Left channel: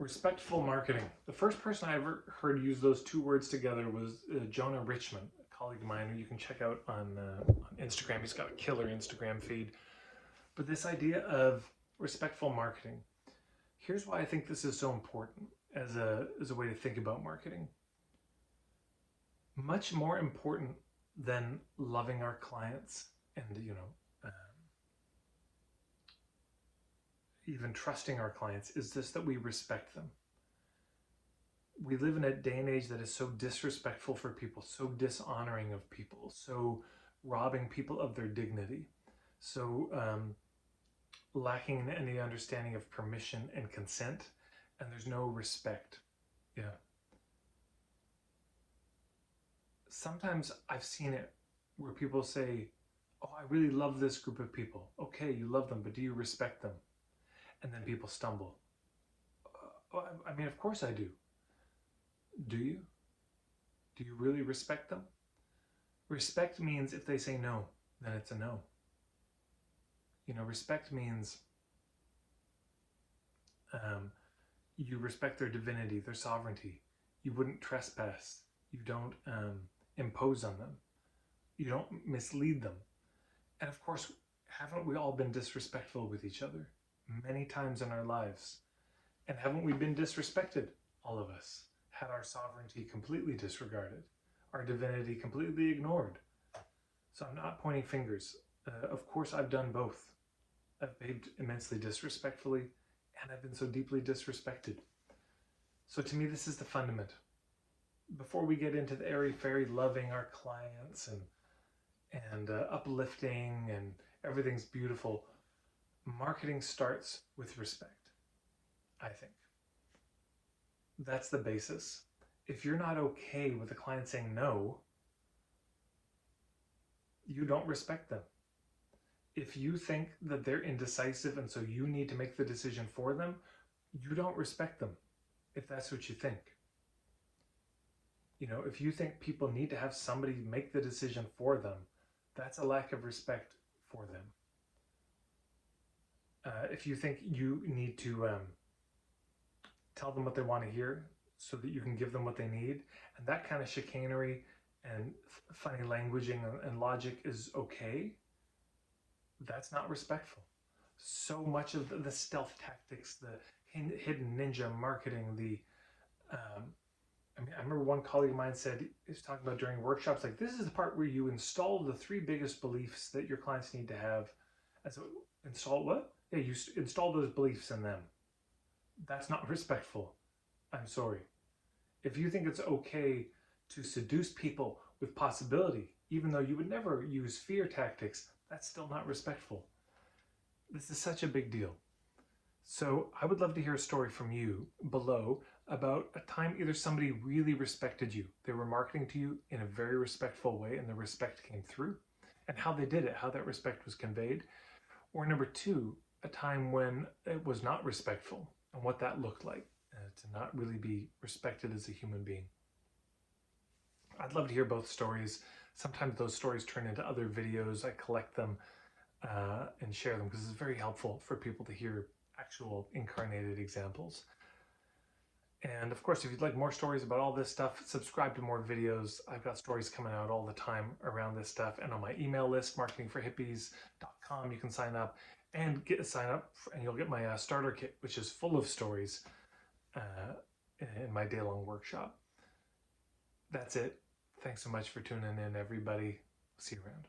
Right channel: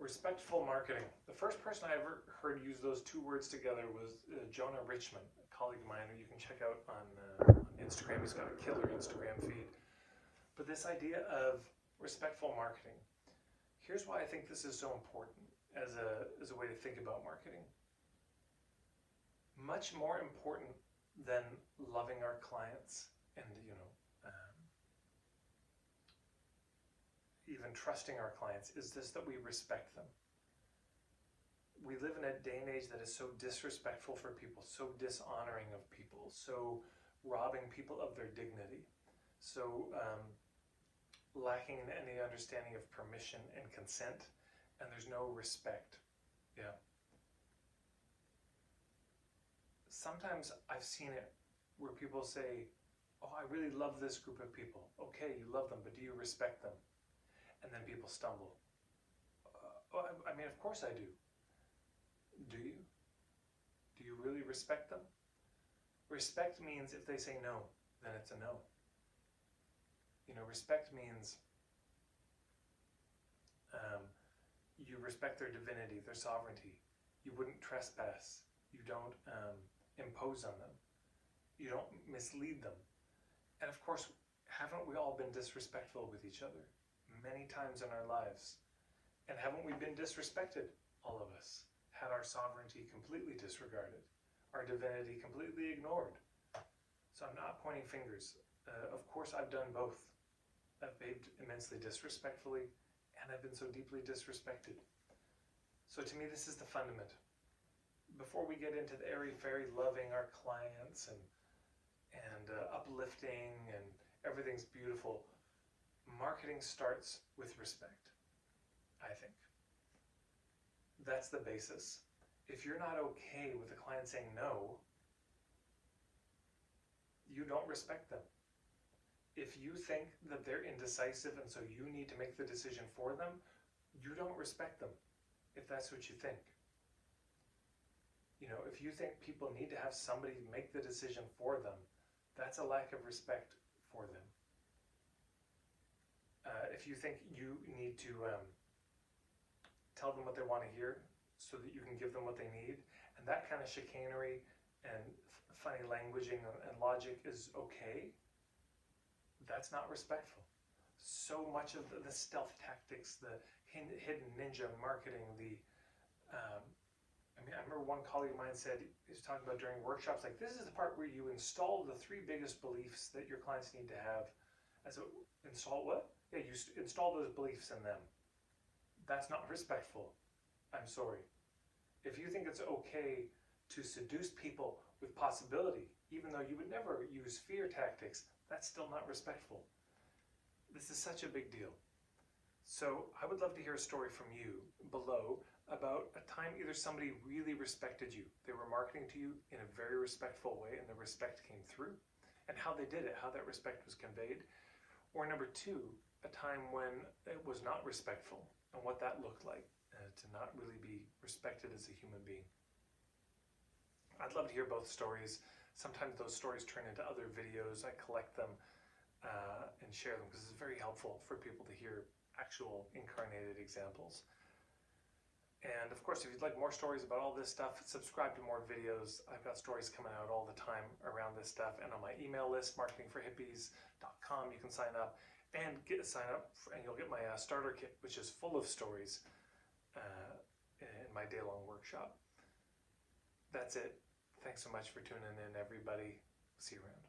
Respectful marketing. The first person I ever heard use those two words together was Jonah Richman, a colleague of mine who you can check out on Instagram. He's got a killer Instagram feed. But this idea of respectful marketing, here's why I think this is so important as a way to think about marketing. Much more important than loving our clients and, even trusting our clients is this, that we respect them. We live in a day and age that is so disrespectful for people, so dishonoring of people, so robbing people of their dignity, so lacking in any understanding of permission and consent, and there's no respect. Yeah. Sometimes I've seen it where people say, oh, I really love this group of people. Okay, you love them, but do you respect them? And then people stumble. I mean, of course I do. Do you? Do you really respect them? Respect means if they say no, then it's a no. Respect means you respect their divinity, their sovereignty. You wouldn't trespass. You don't impose on them. You don't mislead them. And of course, haven't we all been disrespectful with each other many times in our lives? And haven't we been disrespected, all of us? Had our sovereignty completely disregarded, our divinity completely ignored. So I'm not pointing fingers. Of course, I've done both. I've behaved immensely disrespectfully, and I've been so deeply disrespected. So to me, this is the fundament. Before we get into the airy-fairy loving our clients and uplifting and everything's beautiful, marketing starts with respect, I think. That's the basis. If you're not okay with a client saying no, you don't respect them. If you think that they're indecisive and so you need to make the decision for them, you don't respect them, if that's what you think. If you think people need to have somebody make the decision for them, that's a lack of respect for them. If you think you need to tell them what they want to hear so that you can give them what they need, and that kind of chicanery and funny languaging and logic is okay, that's not respectful. So much of the stealth tactics, the hidden ninja marketing, I remember one colleague of mine said, he was talking about during workshops, like, this is the part where you install the 3 biggest beliefs that your clients need to have. And so, install what? Yeah, you install those beliefs in them. That's not respectful. I'm sorry. If you think it's okay to seduce people with possibility, even though you would never use fear tactics, that's still not respectful. This is such a big deal. So I would love to hear a story from you below about a time either somebody really respected you, they were marketing to you in a very respectful way and the respect came through, and how they did it, how that respect was conveyed. Or number 2, a time when it was not respectful and what that looked like, to not really be respected as a human being. I'd love to hear both stories. Sometimes those stories turn into other videos. I collect them and share them because it's very helpful for people to hear actual incarnated examples. And of course, if you'd like more stories about all this stuff, subscribe to more videos. I've got stories coming out all the time around this stuff. And on my email list, marketingforhippies.com, you can sign up and and you'll get my starter kit, which is full of stories in my day-long workshop. That's it. Thanks so much for tuning in, everybody. See you around.